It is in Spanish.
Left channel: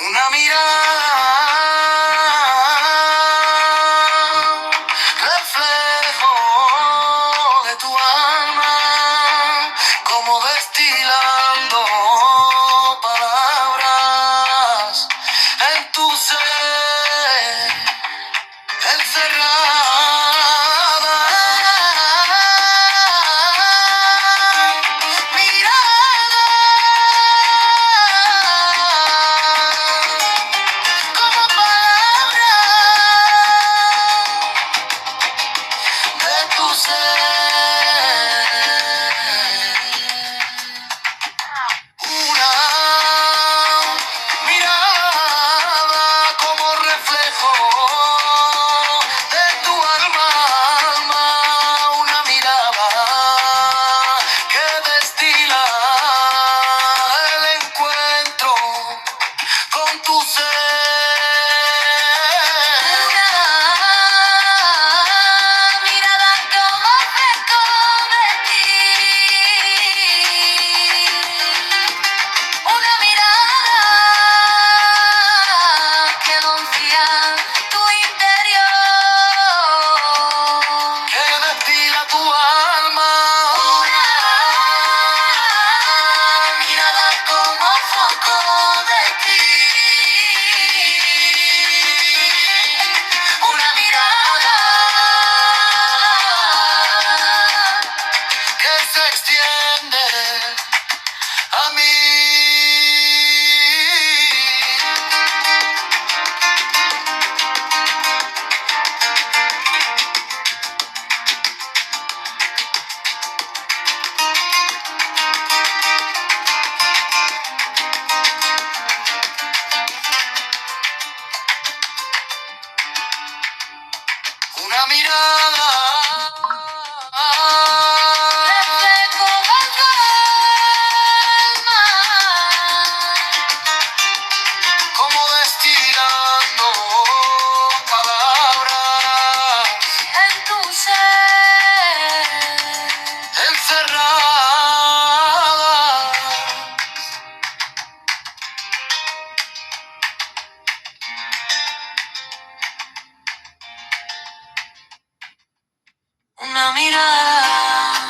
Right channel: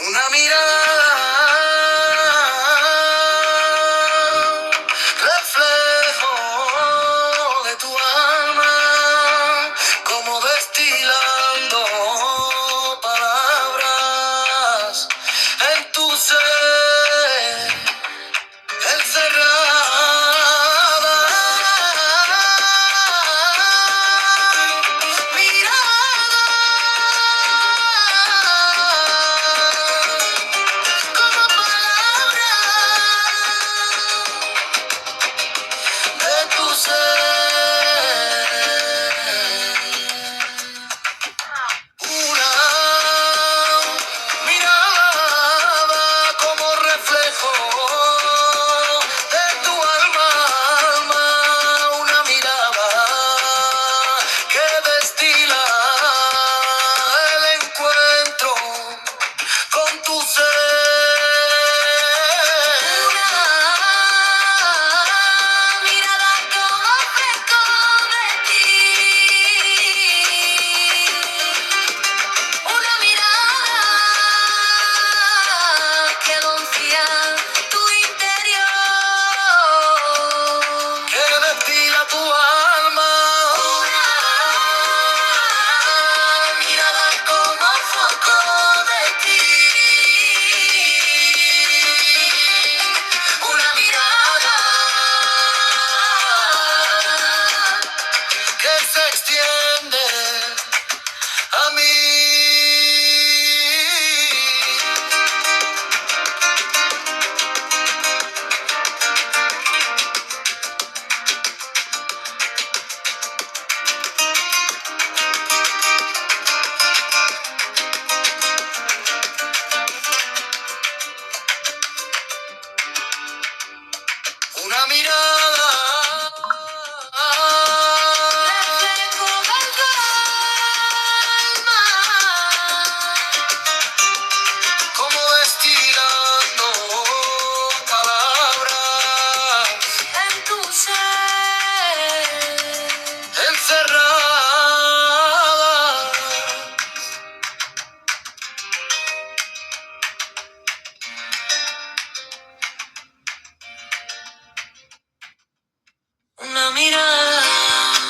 Una mirada, reflejo de tu alma, como destilando palabras en tu ser, encerrada. Mirada, como palabras de tu ser. Una mirada como reflejo de tu alma, una mirada que destila el encuentro con tu ser. Una mirada como fresco de ti. Una mirada que confía tu interior, que destila tu alma. Una mirada como foco de ti. Una mirada que se extiende a mí. Una mirada